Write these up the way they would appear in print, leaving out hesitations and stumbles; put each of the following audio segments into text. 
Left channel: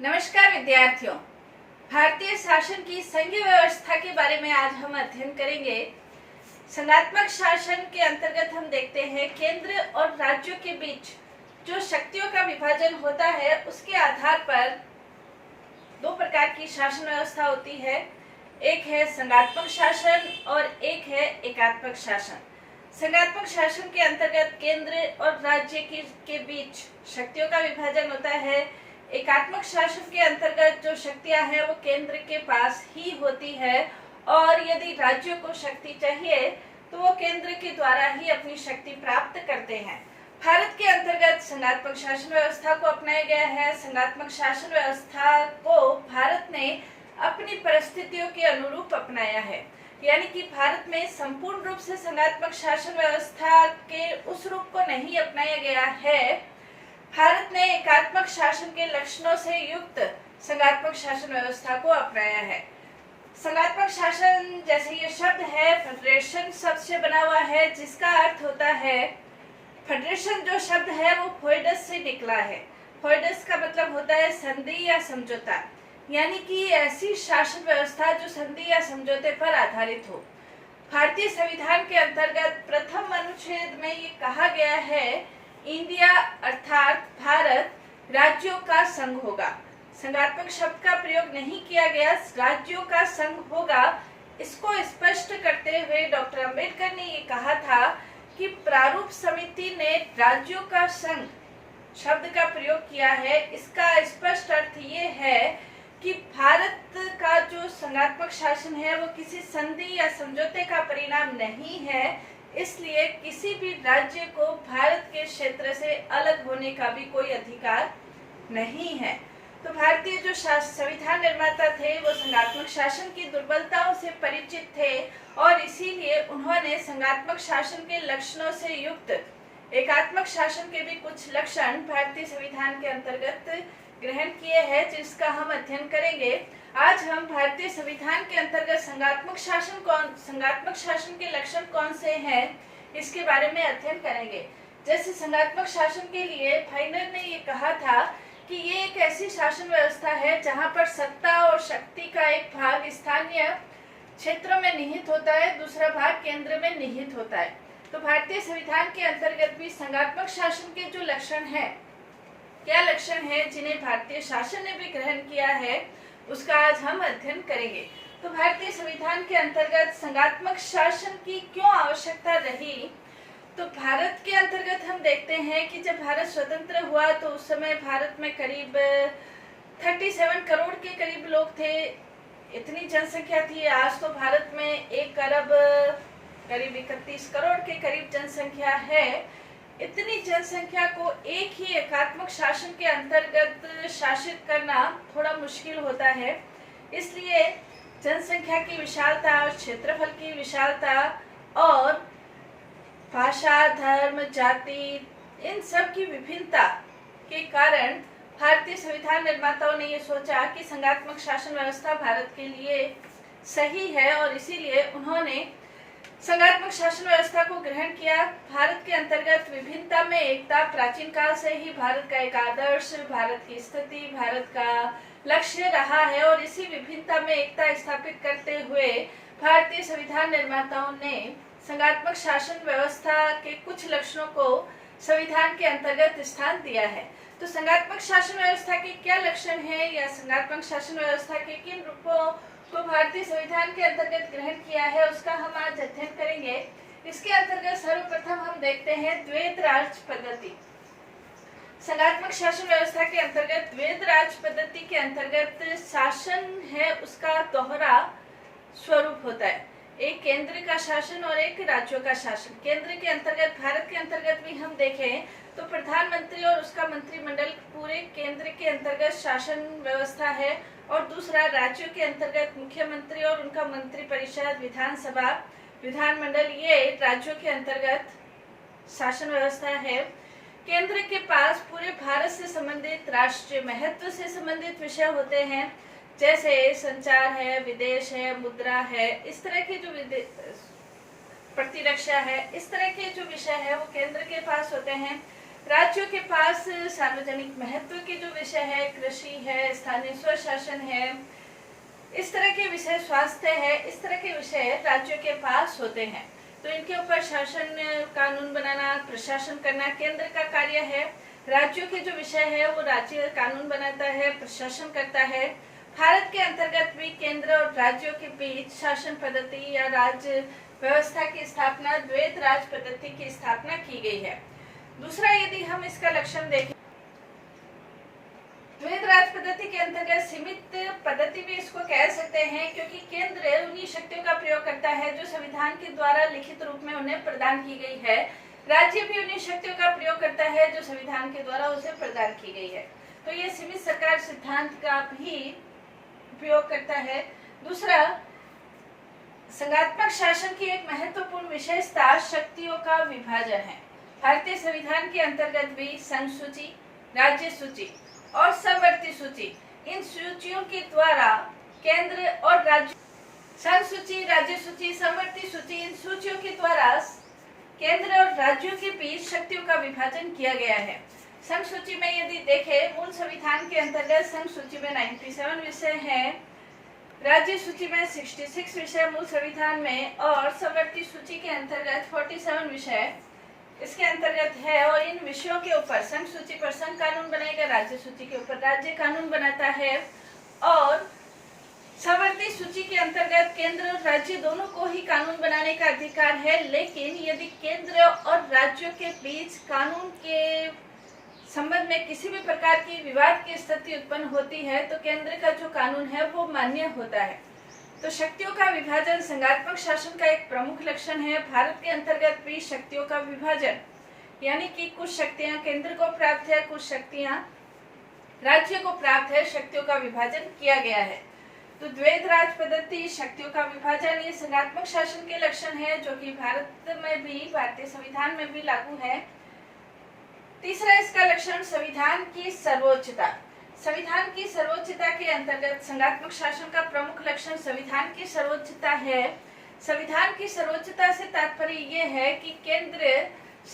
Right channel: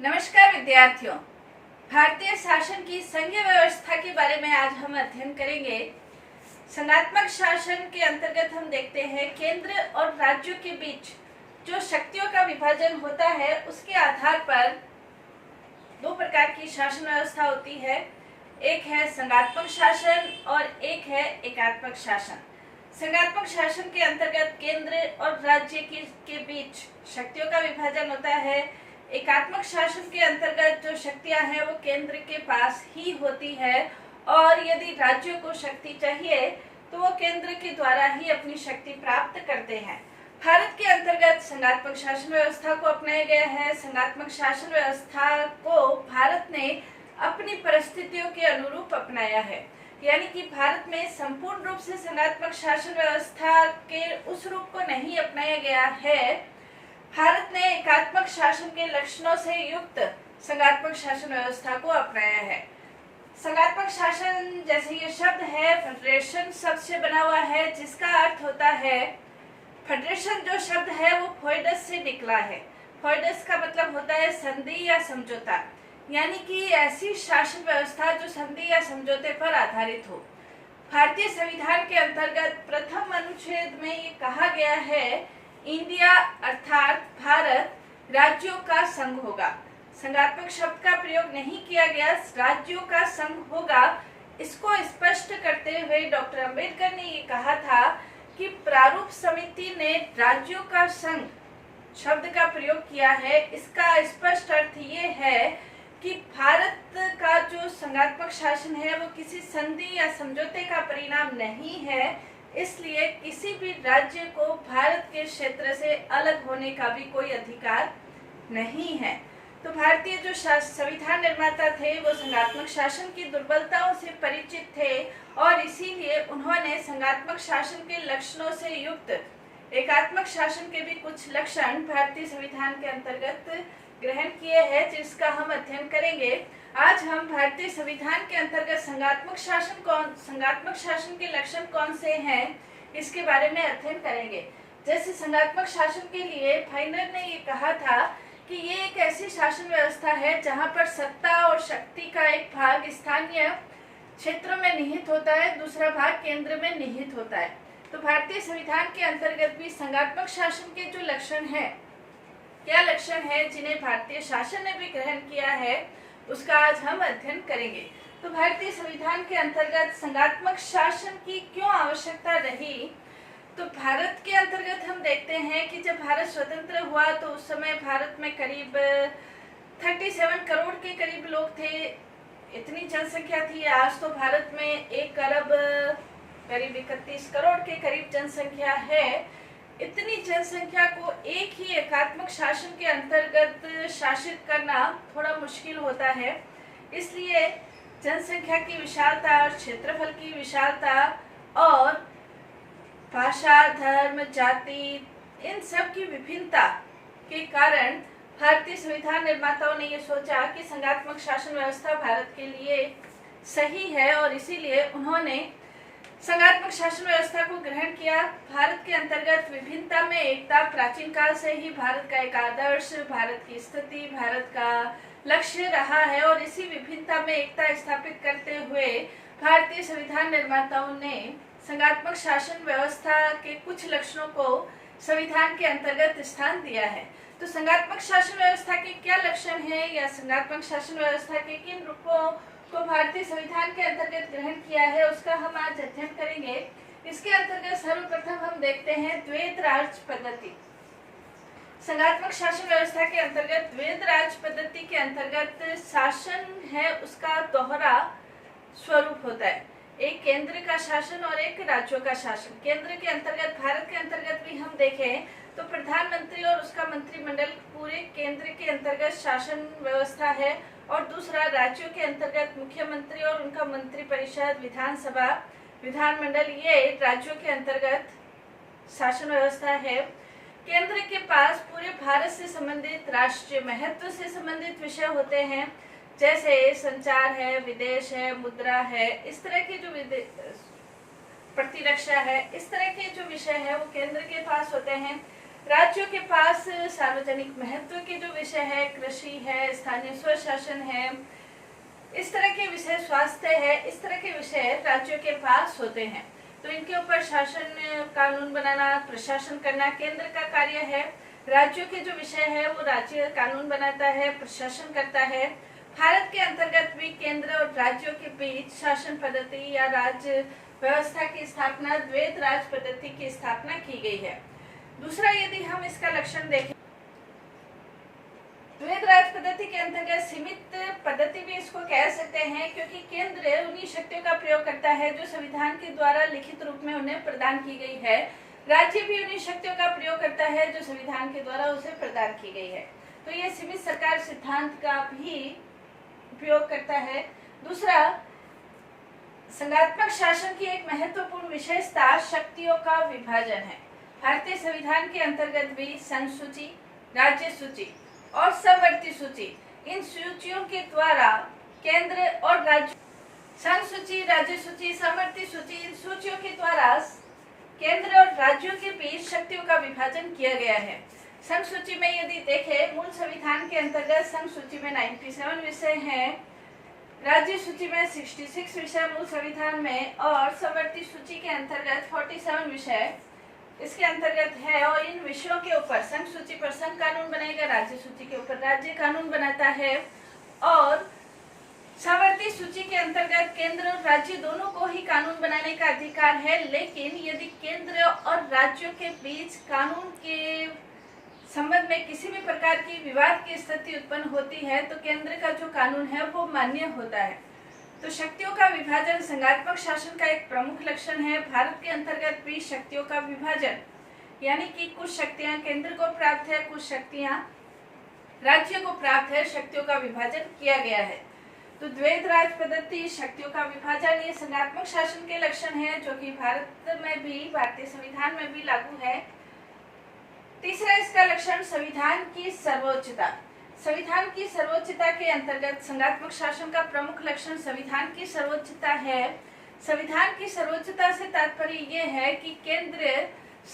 नमस्कार विद्यार्थियों। भारतीय शासन की संघीय व्यवस्था के बारे में आज हम अध्ययन करेंगे। संघात्मक शासन के अंतर्गत हम देखते हैं केंद्र और राज्यों के बीच जो शक्तियों का विभाजन होता है उसके आधार पर दो प्रकार की शासन व्यवस्था होती है। एक है संघात्मक शासन और एक है एकात्मक शासन। संघात्मक शासन के अंतर्गत केंद्र और राज्य के बीच शक्तियों का विभाजन होता है। एकात्मक शासन के अंतर्गत जो शक्तियां हैं वो केंद्र के पास ही होती है और यदि राज्यों को शक्ति चाहिए तो वो केंद्र के द्वारा ही अपनी शक्ति प्राप्त करते हैं। भारत के अंतर्गत संघात्मक शासन व्यवस्था को अपनाया गया है। संघात्मक शासन व्यवस्था को भारत ने अपनी परिस्थितियों के अनुरूप अपनाया है, यानी कि भारत में संपूर्ण रूप से संघात्मक शासन व्यवस्था के उस रूप को नहीं अपनाया गया है। भारत ने एकात्मक शासन के लक्षणों से युक्त संघात्मक शासन व्यवस्था को अपनाया है। संघात्मक शासन जैसे ये शब्द है फेडरेशन शब्द से बना हुआ है, जिसका अर्थ होता है फेडरेशन जो शब्द है वो फोइडस से निकला है। फोइडस का मतलब होता है संधि या समझौता, यानी कि ऐसी शासन व्यवस्था जो संधि या समझौते पर आधारित हो। भारतीय संविधान के अंतर्गत प्रथम अनुच्छेद में ये कहा गया है इंडिया अर्थात भारत राज्यों का संघ होगा। संघात्मक शब्द का प्रयोग नहीं किया गया, राज्यों का संघ होगा। इसको स्पष्ट करते हुए डॉक्टर अंबेडकर ने ये कहा था कि प्रारूप समिति ने राज्यों का संघ शब्द का प्रयोग किया है। इसका स्पष्ट अर्थ ये है कि भारत का जो संघात्मक शासन है वो किसी संधि या समझौते का परिणाम नहीं है, इसलिए किसी भी राज्य को भारत के क्षेत्र से अलग होने का भी कोई अधिकार नहीं है। तो भारतीय जो संविधान निर्माता थे वो संघात्मक शासन की दुर्बलताओं से परिचित थे और इसीलिए उन्होंने संघात्मक शासन के लक्षणों से युक्त एकात्मक शासन के भी कुछ लक्षण भारतीय संविधान के अंतर्गत ग्रहण किए हैं, जिसका हम अध्ययन करेंगे। आज हम भारतीय संविधान के अंतर्गत संघात्मक शासन के लक्षण कौन से हैं इसके बारे में अध्ययन करेंगे। जैसे संघात्मक शासन के लिए फाइनर ने ये कहा था कि ये एक ऐसी शासन व्यवस्था है जहां पर सत्ता और शक्ति का एक भाग स्थानीय क्षेत्रों में निहित होता है, दूसरा भाग केंद्र में निहित होता है। तो भारतीय संविधान के अंतर्गत भी संघात्मक शासन के जो लक्षण है, क्या लक्षण है जिन्हें भारतीय शासन ने भी ग्रहण किया है, उसका आज हम अध्ययन करेंगे। तो भारतीय संविधान के अंतर्गत संघात्मक शासन की क्यों आवश्यकता रही, तो भारत के अंतर्गत हम देखते हैं कि जब भारत स्वतंत्र हुआ तो उस समय भारत में करीब 37 करोड़ के करीब लोग थे, इतनी जनसंख्या थी। आज तो भारत में 1 अरब करीब 31 करोड़ के करीब जनसंख्या है। इतनी जनसंख्या को एक ही एकात्मक शासन के अंतर्गत शासित करना थोड़ा मुश्किल होता है, इसलिए जनसंख्या की विशालता और क्षेत्रफल की विशालता और भाषा, धर्म, जाति, इन सब की विभिन्नता के कारण भारतीय संविधान निर्माताओं ने ये सोचा कि संघात्मक शासन व्यवस्था भारत के लिए सही है और इसीलिए उन्होंने संघात्मक शासन व्यवस्था को ग्रहण किया। भारत के अंतर्गत विभिन्नता में एकता प्राचीन काल से ही भारत का एक आदर्श, भारत की स्थिति, भारत का लक्ष्य रहा है और इसी विभिन्नता में एकता स्थापित करते हुए भारतीय संविधान निर्माताओं ने संघात्मक शासन व्यवस्था के कुछ लक्षणों को संविधान के अंतर्गत स्थान दिया है। तो संघात्मक शासन व्यवस्था के क्या लक्षण हैं या संघात्मक शासन व्यवस्था के किन रूपों को भारतीय संविधान के अंतर्गत ग्रहण किया है, उसका हम आज अध्ययन करेंगे। इसके अंतर्गत सर्वप्रथम हम देखते हैं द्वैध राज पद्धति। संघात्मक शासन व्यवस्था के अंतर्गत द्वैध राज पद्धति के अंतर्गत शासन है उसका दोहरा स्वरूप होता है, एक केंद्र का शासन और एक राज्यों का शासन। केंद्र के अंतर्गत भारत के अंतर्गत भी हम देखें तो प्रधानमंत्री और उसका मंत्रिमंडल पूरे केंद्र के अंतर्गत शासन व्यवस्था है और दूसरा राज्यों के अंतर्गत मुख्यमंत्री और उनका मंत्रिपरिषद, विधानसभा, विधानमंडल, ये राज्यों के अंतर्गत शासन व्यवस्था है। केंद्र के पास पूरे भारत से संबंधित, राष्ट्रीय महत्व से संबंधित विषय होते हैं, जैसे संचार है, विदेश है, मुद्रा है, इस तरह की जो प्रतिरक्षा है, इस तरह के जो विषय है वो केंद्र के पास होते हैं। राज्यों के पास सार्वजनिक महत्व के जो विषय है, कृषि है, स्थानीय स्वशासन है, इस तरह के विषय, स्वास्थ्य है, इस तरह के विषय राज्यों के पास होते हैं। तो इनके ऊपर शासन, कानून बनाना, प्रशासन करना केंद्र का कार्य है। राज्यों के जो विषय है वो राज्य कानून बनाता है, प्रशासन करता है। भारत के अंतर्गत भी केंद्र और राज्यों के बीच शासन पद्धति या राज्य व्यवस्था की स्थापना, द्वैत राज पद्धति की स्थापना की गई है। दूसरा, यदि हम इसका लक्षण देखें, द्वैत राज पद्धति के अंतर्गत सीमित पद्धति भी इसको कह सकते हैं, क्योंकि केंद्र उन्हीं शक्तियों का प्रयोग करता है जो संविधान के द्वारा लिखित रूप में उन्हें प्रदान की गई है। राज्य भी उन्हीं शक्तियों का प्रयोग करता है जो संविधान के द्वारा उसे प्रदान की गई है। तो ये सीमित सरकार सिद्धांत का भी उपयोग करता है। दूसरा, संघात्मक शासन की एक महत्वपूर्ण विशेषता शक्तियों का विभाजन है। भारतीय संविधान के अंतर्गत भी संघ सूची, राज्य सूची और समवर्ती सूची, इन सूचियों के द्वारा केंद्र और राज्य, संघ सूची, राज्य सूची, समवर्ती सूची, इन सूचियों के द्वारा केंद्र और राज्यों के बीच शक्तियों का विभाजन किया गया है। संघ सूची में यदि देखें, मूल संविधान के अंतर्गत संघ सूची में 97 विषय हैं, राज्य सूची में 66 विषय मूल संविधान में, और समवर्ती सूची के अंतर्गत 47 विषय इसके अंतर्गत है। और इन विषयों के ऊपर संघ सूची पर संघ कानून बनेगा, राज्य सूची के ऊपर राज्य कानून बनाता है। और समवर्ती सूची के अंतर्गत केंद्र और राज्य दोनों को ही कानून बनाने का अधिकार है, लेकिन यदि केंद्र और राज्यों के बीच कानून के संबंध में किसी भी प्रकार की विवाद की स्थिति उत्पन्न होती है तो केंद्र का जो कानून है वो मान्य होता है। तो शक्तियों का विभाजन संघात्मक शासन का एक प्रमुख लक्षण है। भारत के अंतर्गत भी शक्तियों का विभाजन, यानी कि कुछ शक्तियां केंद्र को प्राप्त है, कुछ शक्तियां राज्य को प्राप्त है, शक्तियों का विभाजन किया गया है। तो द्वैत राज पद्धति, शक्तियों का विभाजन, ये संघात्मक शासन के लक्षण है जो कि भारत में भी, भारतीय संविधान में भी लागू है। तीसरा इसका लक्षण संविधान की सर्वोच्चता। संविधान की सर्वोच्चता के अंतर्गत संघात्मक शासन का प्रमुख लक्षण संविधान की सर्वोच्चता है। संविधान की सर्वोच्चता से तात्पर्य ये है कि केंद्र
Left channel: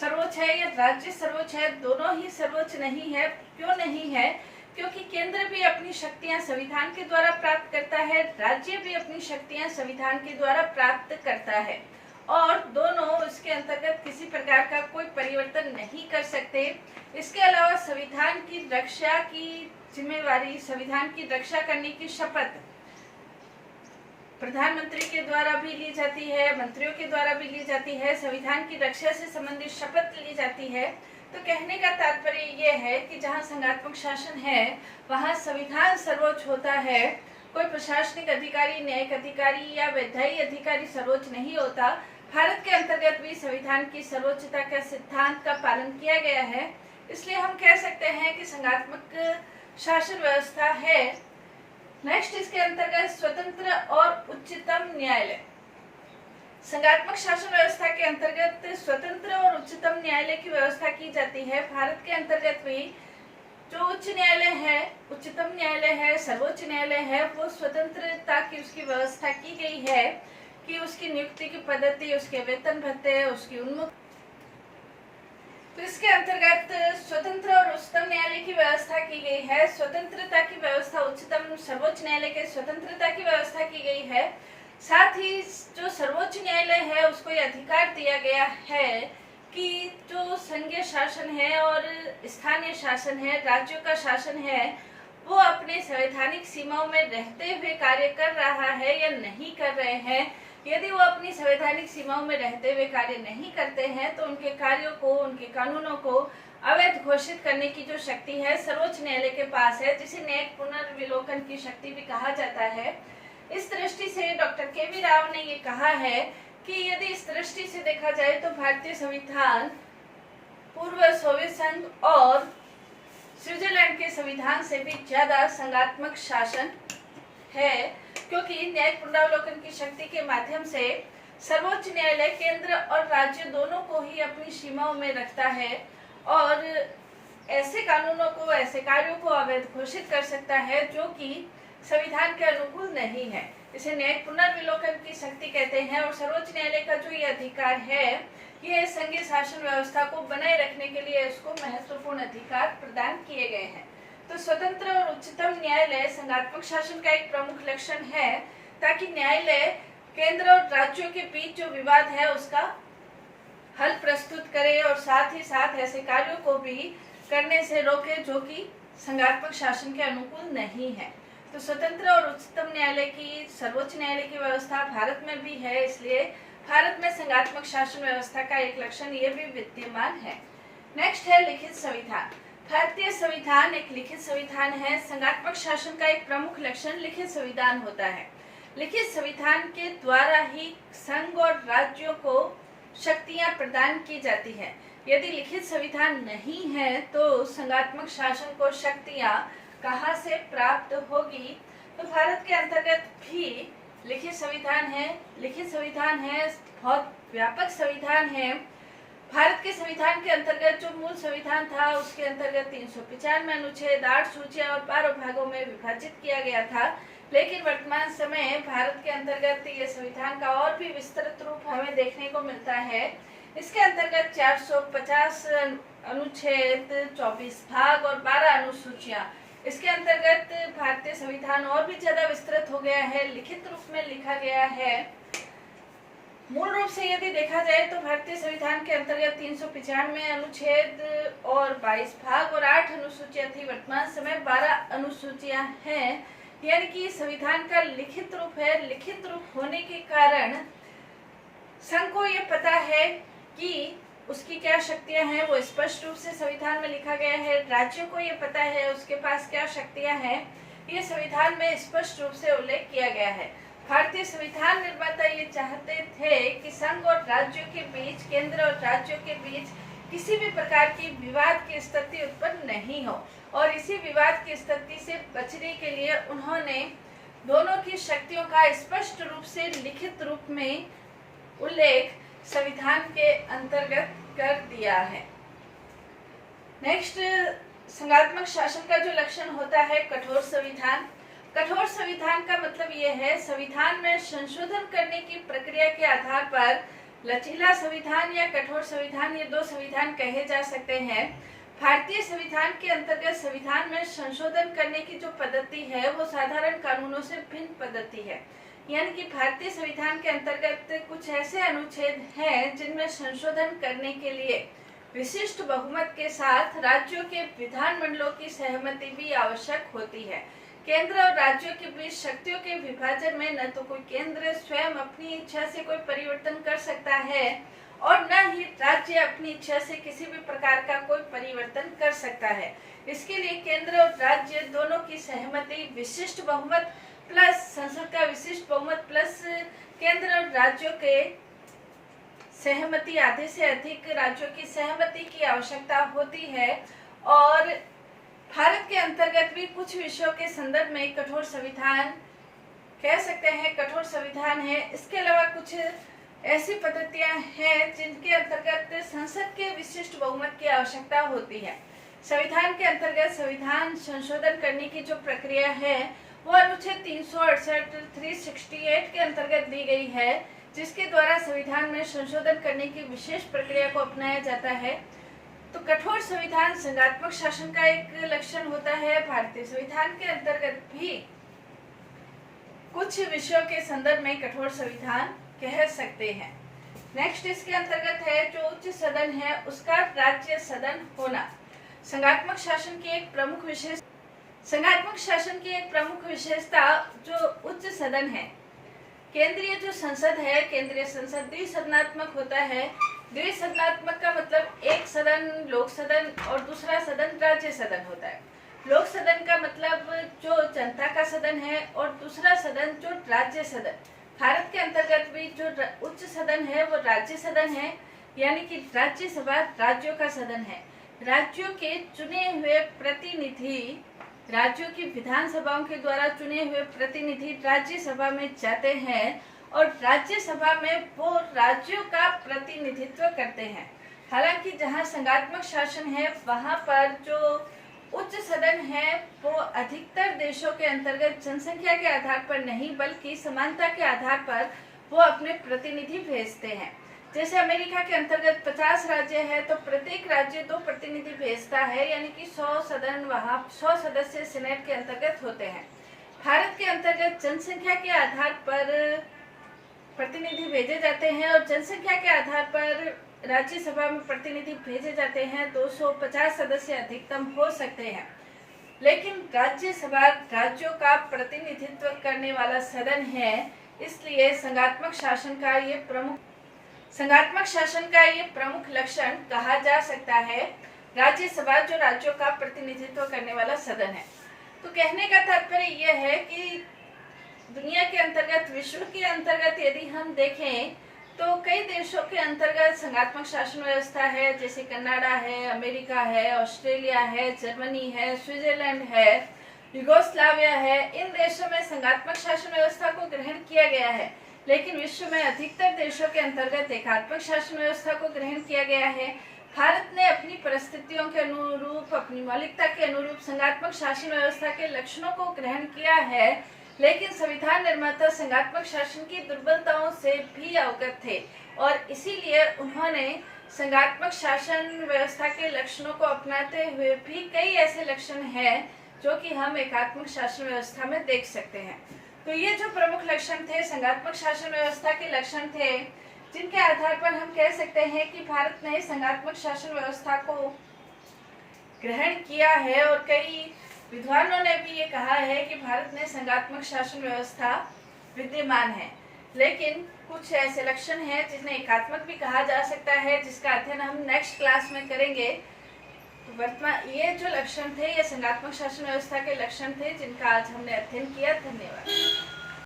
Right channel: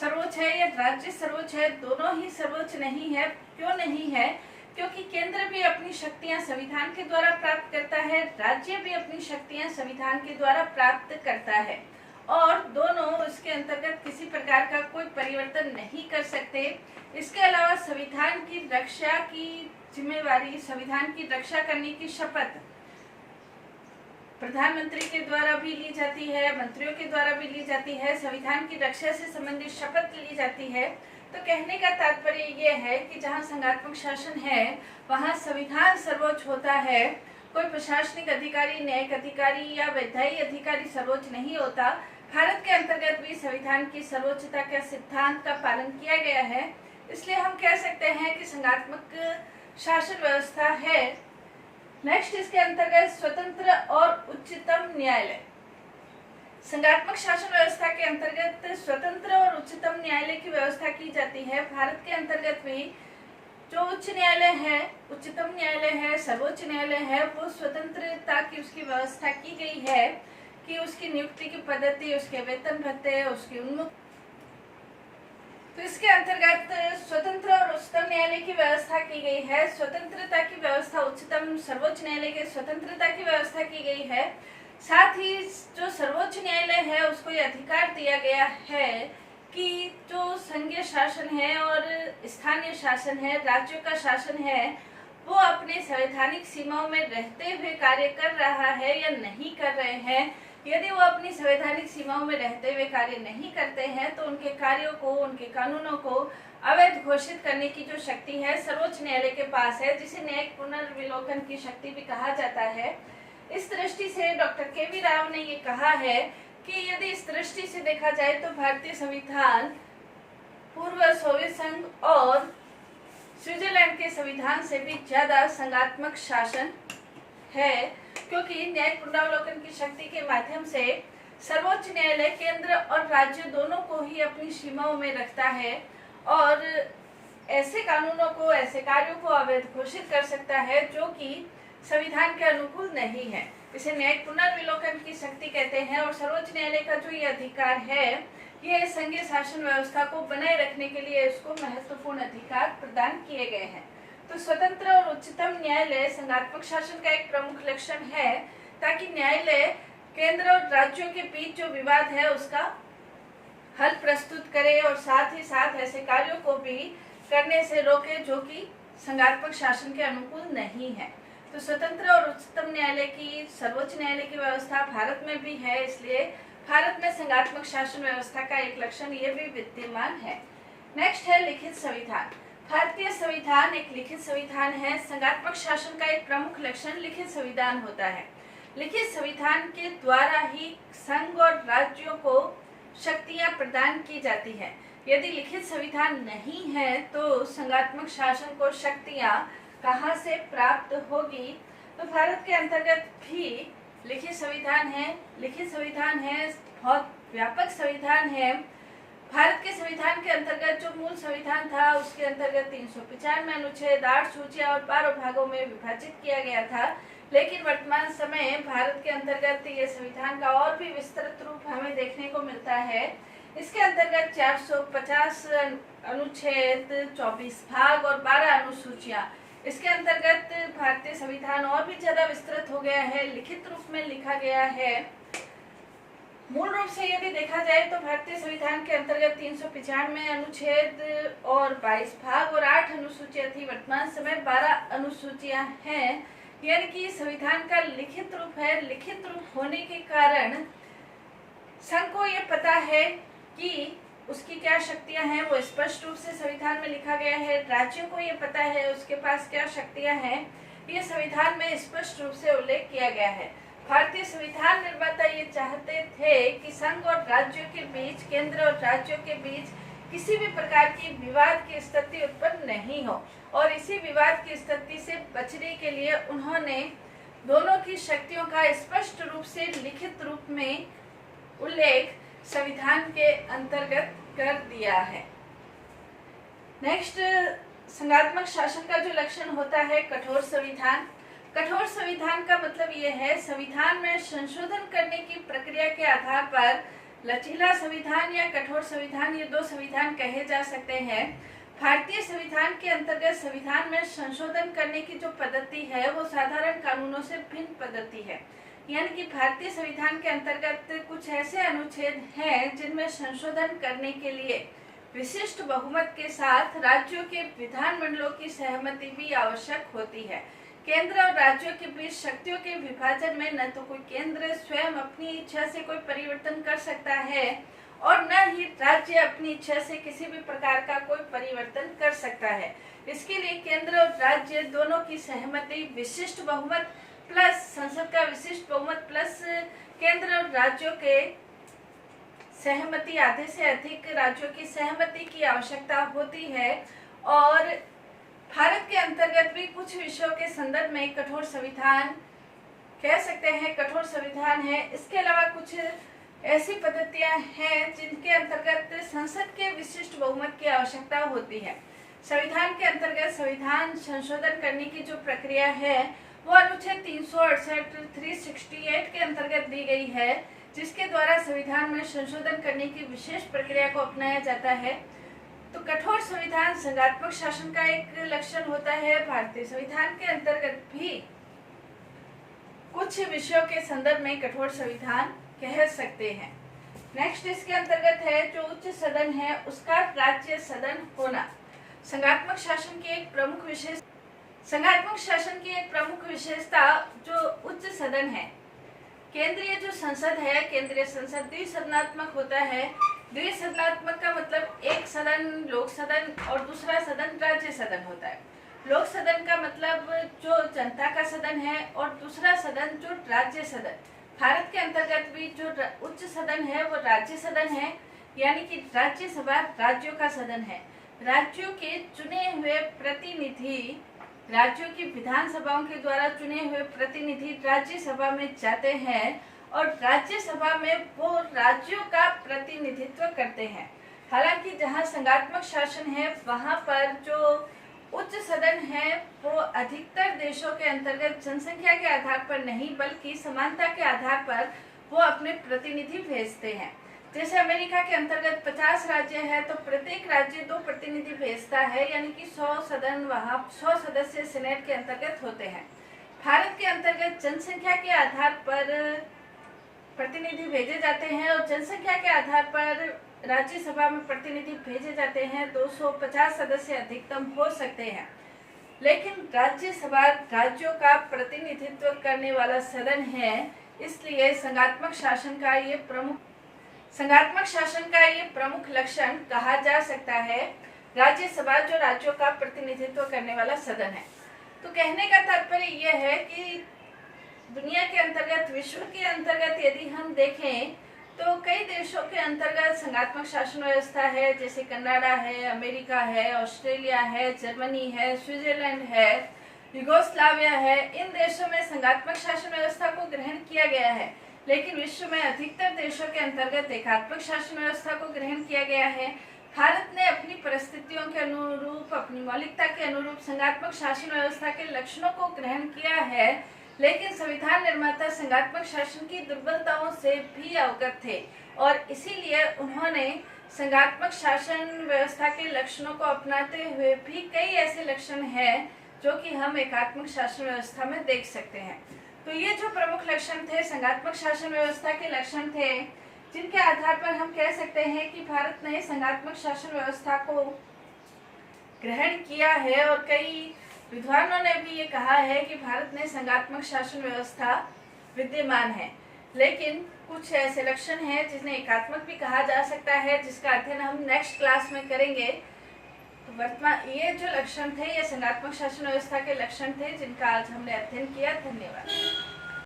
सर्वोच्च है या राज्य सर्वोच्च है, दोनों ही सर्वोच्च नहीं है। क्यों नहीं है? क्योंकि केंद्र भी अपनी शक्तियां संविधान के द्वारा प्राप्त करता है, राज्य भी अपनी शक्तियां संविधान के द्वारा प्राप्त करता है, और दोनों इसके अंतर्गत किसी प्रकार का कोई परिवर्तन नहीं कर सकते। इसके अलावा संविधान की रक्षा की जिम्मेवारी, संविधान की रक्षा करने की शपथ प्रधानमंत्री के द्वारा भी ली जाती है, मंत्रियों के द्वारा भी ली जाती है। संविधान की रक्षा से संबंधित शपथ ली जाती है। तो कहने का तात्पर्य ये है कि जहाँ संघात्मक शासन है वहाँ संविधान सर्वोच्च होता है। कोई प्रशासनिक अधिकारी, न्यायिक अधिकारी या विधायी अधिकारी सर्वोच्च नहीं होता। भारत के अंतर्गत भी संविधान की सर्वोच्चता के सिद्धांत का पालन किया गया है, इसलिए हम कह सकते हैं कि संघात्मक शासन व्यवस्था है। नेक्स्ट, इसके अंतर्गत स्वतंत्र और उच्चतम न्यायालय। संघात्मक शासन व्यवस्था के अंतर्गत स्वतंत्र और उच्चतम न्यायालय की व्यवस्था की जाती है। भारत के अंतर्गत भी जो उच्च न्यायालय है, उच्चतम न्यायालय है, सर्वोच्च न्यायालय है, वो स्वतंत्रता की उसकी व्यवस्था की गई है कि उसकी नियुक्ति की पद्धति, उसके वेतन भत्ते, उसकी उन्मुख। तो इसके अंतर्गत स्वतंत्र और उच्चतम न्यायालय की व्यवस्था की गई है। स्वतंत्रता की व्यवस्था, उच्चतम सर्वोच्च न्यायालय के स्वतंत्रता की व्यवस्था की गई है। साथ ही जो सर्वोच्च न्यायालय है उसको ये अधिकार दिया गया है कि जो संघीय शासन है और स्थानीय शासन है, राज्यों का शासन है, वो अपने संवैधानिक सीमाओं में रहते हुए कार्य कर रहा है या नहीं कर रहे हैं। यदि वो अपनी संवैधानिक सीमाओं में रहते हुए कार्य नहीं करते हैं तो उनके कार्यों को, उनके कानूनों को अवैध घोषित करने की जो शक्ति है सर्वोच्च न्यायालय के पास है, जिसे न्यायिक पुनर्विलोकन की शक्ति भी कहा जाता है। इस दृष्टि से डॉक्टर के.वी. राव ने ये कहा है कि यदि इस दृष्टि से देखा जाए तो भारतीय संविधान पूर्व सोवियत संघ और स्विट्जरलैंड के संविधान से भी ज्यादा संघात्मक शासन है, क्योंकि न्यायिक पुनरावलोकन की शक्ति के माध्यम से सर्वोच्च न्यायालय केंद्र और राज्य दोनों को ही अपनी सीमाओं में रखता है और ऐसे कानूनों को, ऐसे कार्यों को अवैध घोषित कर सकता है जो कि संविधान के अनुकूल नहीं है। इसे न्यायिक पुनर्विलोकन की शक्ति कहते हैं और सर्वोच्च न्यायालय का जो ये अधिकार है, ये संघीय शासन व्यवस्था को बनाए रखने के लिए इसको महत्वपूर्ण अधिकार प्रदान किए गए हैं। तो स्वतंत्र और उच्चतम न्यायालय संघात्मक शासन का एक प्रमुख लक्षण है, ताकि न्यायालय केंद्र और राज्यों के बीच जो विवाद है उसका हल प्रस्तुत करे और साथ ही साथ ऐसे कार्यों को भी करने से रोके जो कि संघात्मक शासन के अनुकूल नहीं है। तो स्वतंत्र और उच्चतम न्यायालय की, सर्वोच्च न्यायालय की व्यवस्था भारत में भी है, इसलिए भारत में संघात्मक शासन व्यवस्था का एक लक्षण ये भी विद्यमान है। नेक्स्ट है लिखित संविधान। भारतीय संविधान एक लिखित संविधान है। संघात्मक शासन का एक प्रमुख लक्षण लिखित संविधान होता है। लिखित संविधान के द्वारा ही संघ और राज्यों को शक्तियां प्रदान की जाती है। यदि लिखित संविधान नहीं है तो संघात्मक शासन को शक्तियां कहां से प्राप्त होगी? तो भारत के अंतर्गत भी लिखित संविधान है। लिखित संविधान है, बहुत व्यापक संविधान है। भारत के संविधान के अंतर्गत जो मूल संविधान था उसके अंतर्गत 395 अनुच्छेद, 8 सूचियां और 12 भागों में विभाजित किया गया था। लेकिन वर्तमान समय भारत के अंतर्गत ये संविधान का और भी विस्तृत रूप हमें देखने को मिलता है। इसके अंतर्गत 450 अनुच्छेद, 24 भाग और 12 अनुसूचियां। इसके अंतर्गत भारतीय संविधान और भी ज्यादा विस्तृत हो गया है, लिखित रूप में लिखा गया है। मूल रूप से यदि देखा जाए तो भारतीय संविधान के अंतर्गत 395 अनुच्छेद और 22 भाग और 8 अनुसूचियां थी। वर्तमान समय 12 अनुसूचियां हैं, यानी कि संविधान का लिखित रूप है। लिखित रूप होने के कारण संघ को ये पता है कि उसकी क्या शक्तियां हैं, वो स्पष्ट रूप से संविधान में लिखा गया है। राज्यों को ये पता है उसके पास क्या शक्तियां हैं, ये संविधान में स्पष्ट रूप से उल्लेख किया गया है। भारतीय संविधान निर्माता ये चाहते थे कि संघ और राज्यों के बीच, केंद्र और राज्यों के बीच किसी भी प्रकार की विवाद की स्थिति उत्पन्न नहीं हो, और इसी विवाद की स्थिति से बचने के लिए उन्होंने दोनों की शक्तियों का स्पष्ट रूप से लिखित रूप में उल्लेख संविधान के अंतर्गत कर दिया है। नेक्स्ट, संघात्मक शासन का जो लक्षण होता है कठोर संविधान। कठोर संविधान का मतलब ये है, संविधान में संशोधन करने की प्रक्रिया के आधार पर लचीला संविधान या कठोर संविधान, ये दो संविधान कहे जा सकते हैं। भारतीय संविधान के अंतर्गत संविधान में संशोधन करने की जो पद्धति है वो साधारण कानूनों से भिन्न पद्धति है। यानी कि भारतीय संविधान के अंतर्गत कुछ ऐसे अनुच्छेद हैं जिनमें संशोधन करने के लिए विशिष्ट बहुमत के साथ राज्यों के विधानमंडलों की सहमति भी आवश्यक होती है। केंद्र और राज्यों के बीच शक्तियों के विभाजन में न तो कोई केंद्र स्वयं अपनी इच्छा से कोई परिवर्तन कर सकता है और न ही राज्य अपनी इच्छा से किसी भी प्रकार का कोई परिवर्तन कर सकता है। इसके लिए केंद्र और राज्य दोनों की सहमति, विशिष्ट बहुमत प्लस संसद का विशिष्ट बहुमत प्लस केंद्र और राज्यों के सहमति, आधे से अधिक राज्यों की सहमति की आवश्यकता होती है। और भारत के अंतर्गत भी कुछ विषयों के संदर्भ में कठोर संविधान कह सकते हैं, कठोर संविधान है। इसके अलावा कुछ ऐसी पद्धतियां हैं जिनके अंतर्गत संसद के विशिष्ट बहुमत की आवश्यकता होती है। संविधान के अंतर्गत संविधान संशोधन करने की जो प्रक्रिया है वो अनुच्छेद 368 368 के अंतर्गत दी गई है, जिसके द्वारा संविधान में संशोधन करने की विशेष प्रक्रिया को अपनाया जाता है। तो कठोर संविधान संघात्मक शासन का एक लक्षण होता है। भारतीय संविधान के अंतर्गत भी कुछ विषयों के संदर्भ में कठोर संविधान कह सकते हैं। नेक्स्ट, इसके अंतर्गत है जो उच्च सदन है उसका राज्य सदन होना। संघात्मक शासन की एक प्रमुख विशेषता जो उच्च सदन है। केंद्रीय जो संसद है, केंद्रीय संसद द्विसदनात्मक होता है। द्विसदनात्मक का मतलब एक सदन लोक सदन और दूसरा सदन राज्य सदन होता है। लोक सदन का मतलब जो जनता का सदन है और दूसरा सदन जो राज्य सदन। भारत के अंतर्गत भी जो उच्च सदन है वो राज्य सदन है, यानी कि राज्यसभा राज्यों का सदन है। राज्यों के चुने हुए प्रतिनिधि, राज्यों की विधानसभाओं के द्वारा चुने हुए प्रतिनिधि राज्यसभा में जाते हैं और राज्यसभा में वो राज्यों का प्रतिनिधित्व करते हैं। हालांकि जहां संघात्मक शासन है वहां पर जो उच्च सदन है वो अधिकतर देशों के अंतर्गत जनसंख्या के आधार पर नहीं बल्कि समानता के आधार पर वो अपने प्रतिनिधि भेजते हैं। जैसे अमेरिका के अंतर्गत 50 राज्य है तो प्रत्येक राज्य 2 प्रतिनिधि भेजता है, यानी कि 100 सदन वहाँ 100 सदस्य सीनेट के अंतर्गत होते हैं। भारत के अंतर्गत जनसंख्या के आधार पर प्रतिनिधि भेजे जाते हैं और जनसंख्या के आधार पर राज्यसभा में प्रतिनिधि भेजे जाते हैं। 250 सदस्य अधिकतम हो सकते हैं, लेकिन राज्यसभा राज्यों का प्रतिनिधित्व करने वाला सदन है, इसलिए संघात्मक शासन का ये प्रमुख लक्षण कहा जा सकता है राज्यसभा जो राज्यों का प्रतिनिधित्व करने वाला सदन है। तो कहने का तात्पर्य यह है कि दुनिया के अंतर्गत, विश्व के अंतर्गत यदि हम देखें तो कई देशों के अंतर्गत संघात्मक शासन व्यवस्था है, जैसे कनाडा है, अमेरिका है, ऑस्ट्रेलिया है, जर्मनी है, स्विट्जरलैंड है, यूगोस्लाविया है। इन देशों में संघात्मक शासन व्यवस्था को ग्रहण किया गया है, लेकिन विश्व में अधिकतर देशों के अंतर्गत एकात्मक शासन व्यवस्था को ग्रहण किया गया है। भारत ने अपनी परिस्थितियों के अनुरूप, अपनी मौलिकता के अनुरूप संघात्मक शासन व्यवस्था के लक्षणों को ग्रहण किया है, लेकिन संविधान निर्माता संघात्मक शासन की दुर्बलताओं से भी अवगत थे और इसीलिए उन्होंने संघात्मक शासन व्यवस्था के लक्षणों को अपनाते हुए भी कई ऐसे लक्षण हैं जो कि हम एकात्मक शासन व्यवस्था में देख सकते हैं। तो ये जो प्रमुख लक्षण थे, संघात्मक शासन व्यवस्था के लक्षण थे, जिनके आधार पर हम कह सकते हैं कि भारत ने संघात्मक शासन व्यवस्था को ग्रहण किया है। और कई विद्वानों ने भी ये कहा है कि भारत में संघात्मक शासन व्यवस्था विद्यमान है, लेकिन कुछ ऐसे लक्षण हैं जिन्हें एकात्मक भी कहा जा सकता है, जिसका अध्ययन हम नेक्स्ट क्लास में करेंगे। तो वर्तमान ये जो लक्षण थे, ये संघात्मक शासन व्यवस्था के लक्षण थे जिनका आज हमने अध्ययन किया। धन्यवाद।